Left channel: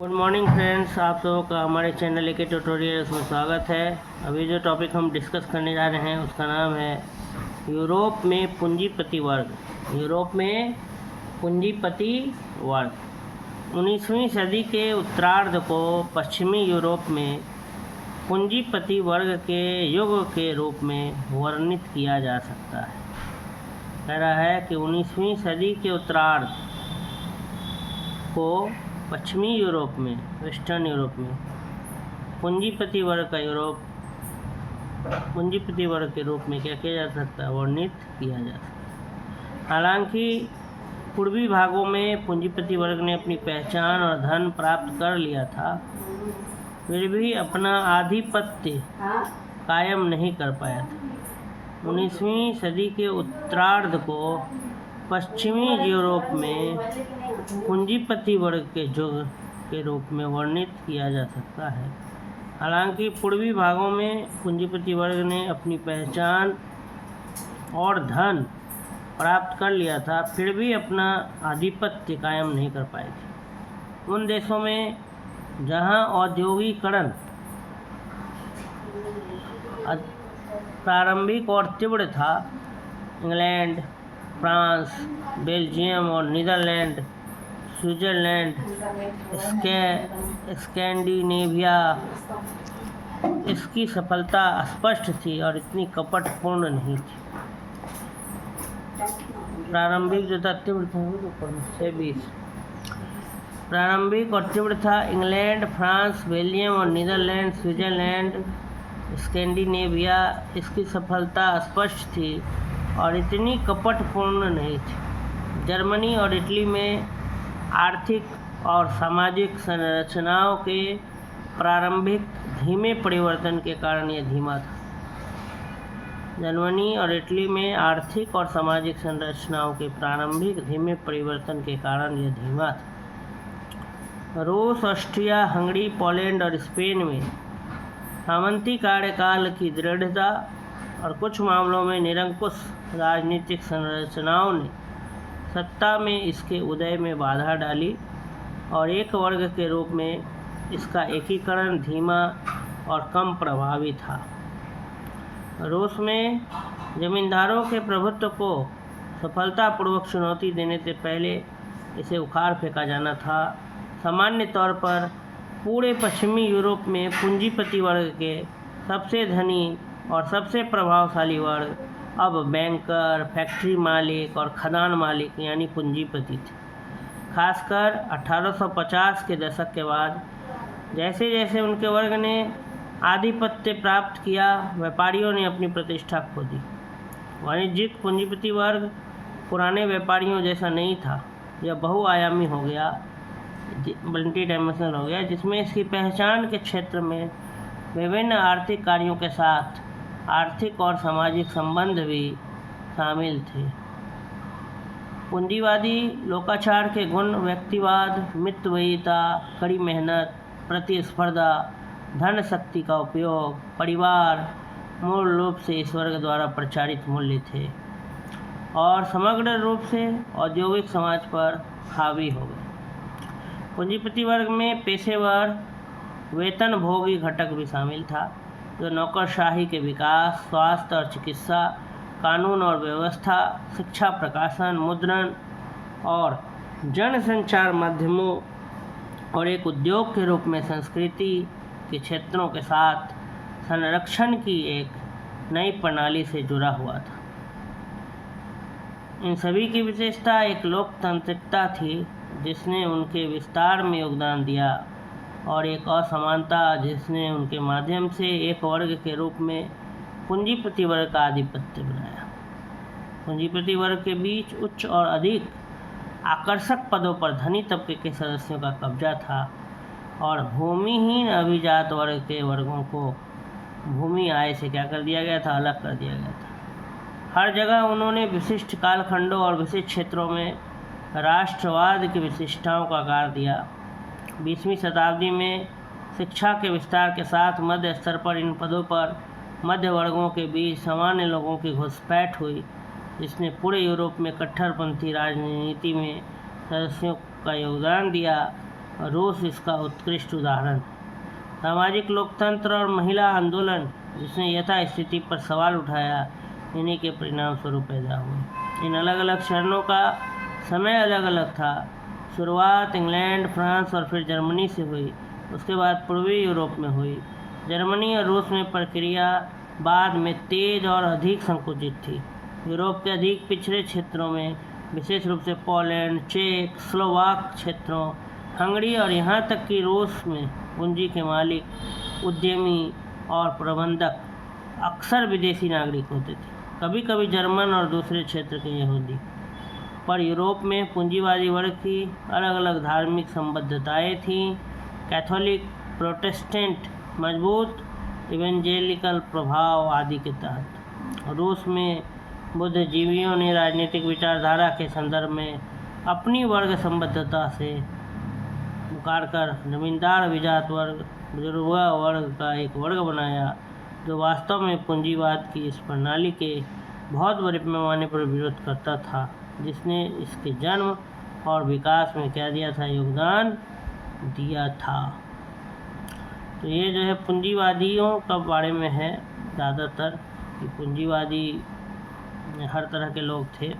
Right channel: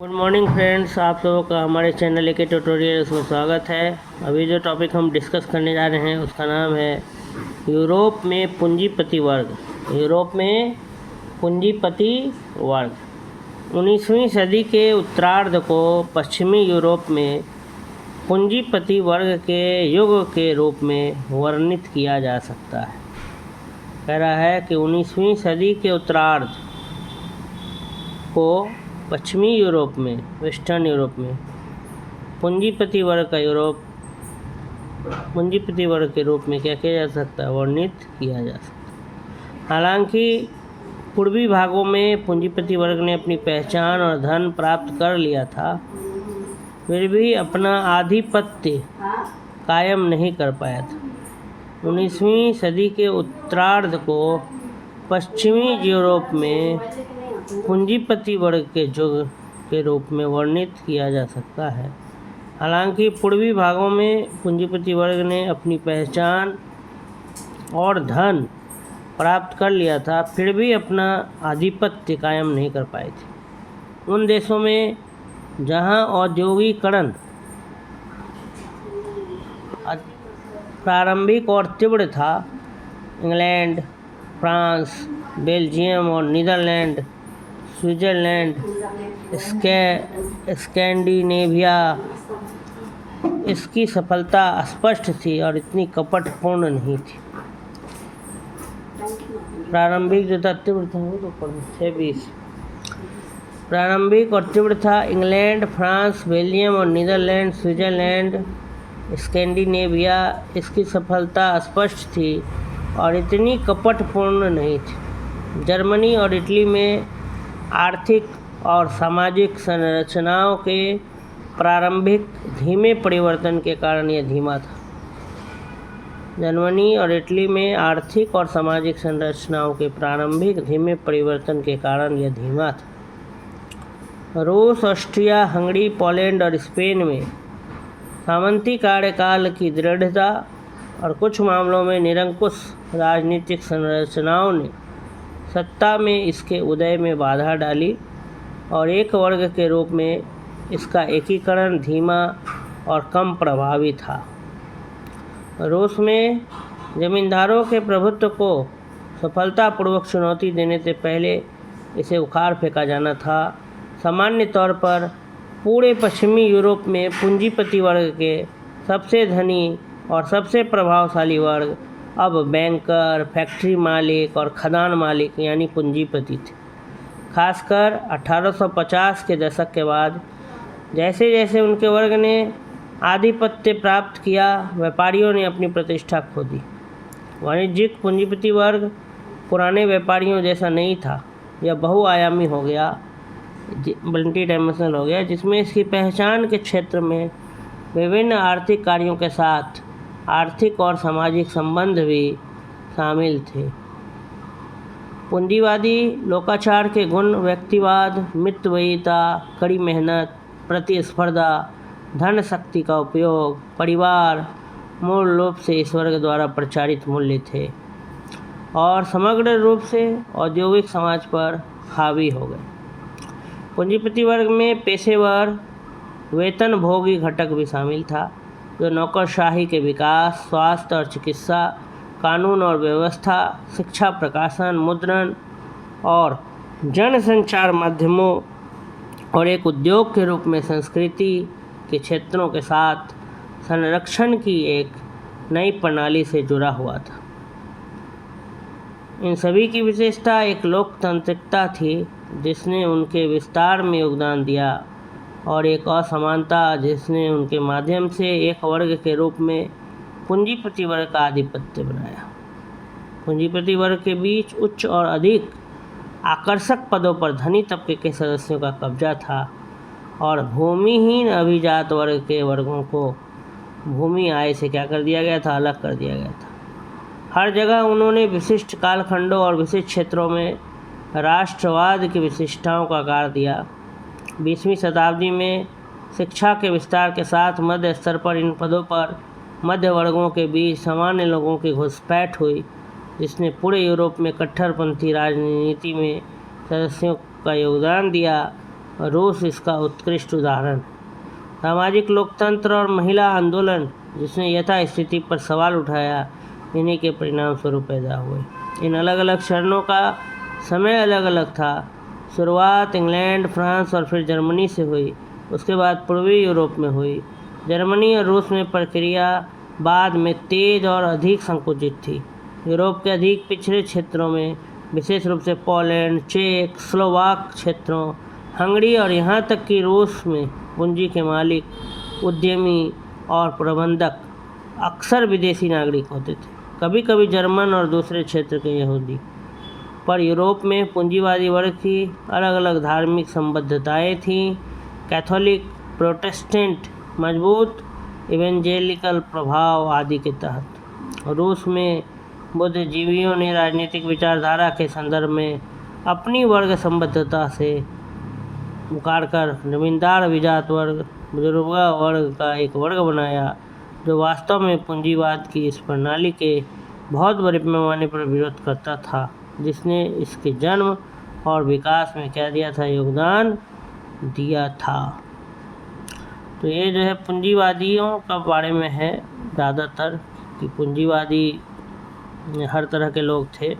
Good morning friends, आप लोगों का हमारे चैनल के ट्यूटोरियल्स में स्वागत है। अभी जो टॉपिक हम डिस्कस करने जा रहे हैं उसका नाम है यूरोप में पूंजीपति वर्ग। यूरोप में पूंजीपति वर्ग 19वीं सदी के उत्तरार्ध को पश्चिमी यूरोप में पूंजीपति वर्ग के युग के रूप में वर्णित किया जा सकता है। कह रहा है कि 19वीं सदी के उत्तरार्ध को पश्चिमी यूरोप में, वेस्टर्न यूरोप में पूंजीपति वर्ग के रूप में क्या किया जा सकता है, वर्णित किया जा सकता है। हालांकि पूर्वी भागों में पूंजीपति वर्ग ने अपनी पहचान और धन प्राप्त कर लिया था, फिर भी अपना आधिपत्य कायम नहीं कर पाया था। 19वीं सदी के उत्तरार्ध को पश्चिमी यूरोप में पूंजीपति वर्ग के युग के रूप में वर्णित किया जा सकता है। हालांकि पूर्वी भागों में पूंजीपति वर्ग ने अपनी पहचान और धन प्राप्त कर लिया था, फिर भी अपना आधिपत्य कायम नहीं कर पाए थे। उन देशों में जहां औद्योगिकरण प्रारंभिक और तीव्र था, इंग्लैंड, फ्रांस, बेल्जियम और नीदरलैंड, स्विट्जरलैंड, स्कैंडिनेविया, इसकी सफलता स्पष्ट थी और इतनी कपटपूर्ण नहीं थी। प्रारंभिक जो था तीव्र था वो तो 20 प्रारंभिक और तीव्र था। इंग्लैंड, फ्रांस, बेल्जियम और नीदरलैंड, स्विट्जरलैंड, स्कैंडिनेविया, इसकी सफलता स्पष्ट थी और इतनी कपटपूर्ण नहीं थी। जर्मनी और इटली में आर्थिक और सामाजिक संरचनाओं के प्रारंभिक धीमे परिवर्तन के कारण यह धीमा था। जर्मनी और इटली में आर्थिक और सामाजिक संरचनाओं के प्रारंभिक धीमे परिवर्तन के कारण यह धीमा था। रूस, ऑस्ट्रिया, हंगरी, पोलैंड और स्पेन में सामंती कार्यकाल की दृढ़ता और कुछ मामलों में निरंकुश राजनीतिक संरचनाओं ने सत्ता में इसके उदय में बाधा डाली और एक वर्ग के रूप में इसका एकीकरण धीमा और कम प्रभावी था। रूस में जमींदारों के प्रभुत्व को सफलतापूर्वक चुनौती देने से पहले इसे उखाड़ फेंका जाना था। सामान्य तौर पर पूरे पश्चिमी यूरोप में पूंजीपति वर्ग के सबसे धनी और सबसे प्रभावशाली वर्ग अब बैंकर, फैक्ट्री मालिक और खदान मालिक यानी पूंजीपति थे। खासकर 1850 के दशक के बाद जैसे जैसे उनके वर्ग ने आधिपत्य प्राप्त किया, व्यापारियों ने अपनी प्रतिष्ठा खो दी। वाणिज्यिक पूंजीपति वर्ग पुराने व्यापारियों जैसा नहीं था, यह बहुआयामी हो गया, मल्टी डायमेंशनल हो गया, जिसमें इसकी पहचान के क्षेत्र में विभिन्न आर्थिक कार्यों के साथ आर्थिक और सामाजिक संबंध भी शामिल थे। पूंजीवादी लोकाचार के गुण व्यक्तिवाद, मितव्ययिता, कड़ी मेहनत, प्रतिस्पर्धा, धन शक्ति का उपयोग, परिवार मूल रूप से इस वर्ग द्वारा प्रचारित मूल्य थे और समग्र रूप से औद्योगिक समाज पर हावी हो गए। पूंजीपति वर्ग में पेशेवर वेतनभोगी घटक भी शामिल था, जो नौकरशाही के विकास, स्वास्थ्य और चिकित्सा, कानून और व्यवस्था, शिक्षा, प्रकाशन, मुद्रण और जनसंचार माध्यमों और एक उद्योग के रूप में संस्कृति के क्षेत्रों के साथ संरक्षण की एक नई प्रणाली से जुड़ा हुआ था। इन सभी की विशेषता एक लोकतांत्रिकता थी जिसने उनके विस्तार में योगदान दिया और एक असमानता जिसने उनके माध्यम से एक वर्ग के रूप में पूंजीपति वर्ग का आधिपत्य बनाया। पूंजीपति वर्ग के बीच उच्च और अधिक आकर्षक पदों पर धनी तबके के सदस्यों का कब्जा था और भूमिहीन अभिजात वर्ग के वर्गों को भूमि आय से क्या कर दिया गया था, अलग कर दिया गया था। हर जगह उन्होंने विशिष्ट कालखंडों और विशिष्ट क्षेत्रों में राष्ट्रवाद की विशिष्टताओं का आकार दिया। 20वीं शताब्दी में शिक्षा के विस्तार के साथ मध्य स्तर पर इन पदों पर मध्य वर्गों के बीच सामान्य लोगों की घुसपैठ हुई, जिसने पूरे यूरोप में कट्टरपंथी राजनीति में सदस्यों का योगदान दिया और रूस इसका उत्कृष्ट उदाहरण। सामाजिक लोकतंत्र और महिला आंदोलन जिसने यथास्थिति पर सवाल उठाया, इन्हीं के परिणाम स्वरूप पैदा हुए। इन अलग अलग चरणों का समय अलग अलग था। शुरुआत इंग्लैंड, फ्रांस और फिर जर्मनी से हुई। उसके बाद पूर्वी यूरोप में हुई। जर्मनी और रूस में प्रक्रिया बाद में तेज और अधिक संकुचित थी। यूरोप के अधिक पिछड़े क्षेत्रों में, विशेष रूप से पोलैंड, चेक, स्लोवाक क्षेत्रों, हंगरी और यहाँ तक कि रूस में पूंजी के मालिक, उद्यमी और प्रबंधक अक्सर विदेशी नागरिक होते थे, कभी कभी जर्मन और दूसरे क्षेत्र के यहूदी। पर यूरोप में पूंजीवादी वर्ग की अलग अलग धार्मिक संबद्धताएं थीं। कैथोलिक, प्रोटेस्टेंट, मजबूत इवेंजेलिकल प्रभाव आदि के तहत। रूस में बुद्धिजीवियों ने राजनीतिक विचारधारा के संदर्भ में अपनी वर्ग संबद्धता से मुकारकर जमींदार अभिजात वर्ग, बुजुर्गा वर्ग का एक वर्ग बनाया, जो वास्तव में पूंजीवाद की इस प्रणाली के बहुत बड़े पैमाने पर विरोध करता था, जिसने इसके जन्म और विकास में क्या दिया था, योगदान दिया था। तो ये जो है पूंजीवादियों का बारे में है ज़्यादातर, कि पूंजीवादी हर तरह के लोग थे।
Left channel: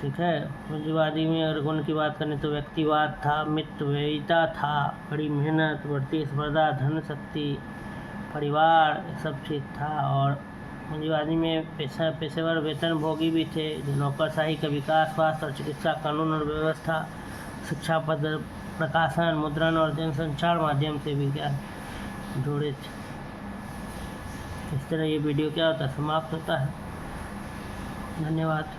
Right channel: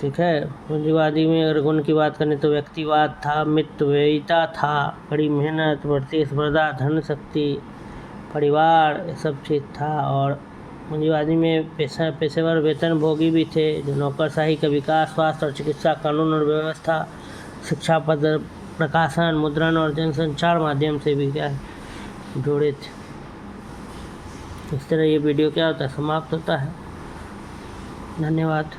ठीक है, पूंजीवादी में अगर गुण की बात करें तो व्यक्तिवाद था, मितव्ययिता था, कड़ी मेहनत, बढ़ती स्पर्धा, धन शक्ति, परिवार, ये सब चीज़ था। और पूंजीवादी में पेशेवर वेतनभोगी भी थे, जो नौकरशाही का विकास, स्वास्थ्य और चिकित्सा, कानून और व्यवस्था, शिक्षा पद, प्रकाशन, मुद्रण और जनसंचार माध्यम से भी क्या जुड़े थे। इस तरह ये वीडियो क्या होता है, समाप्त होता है। धन्यवाद।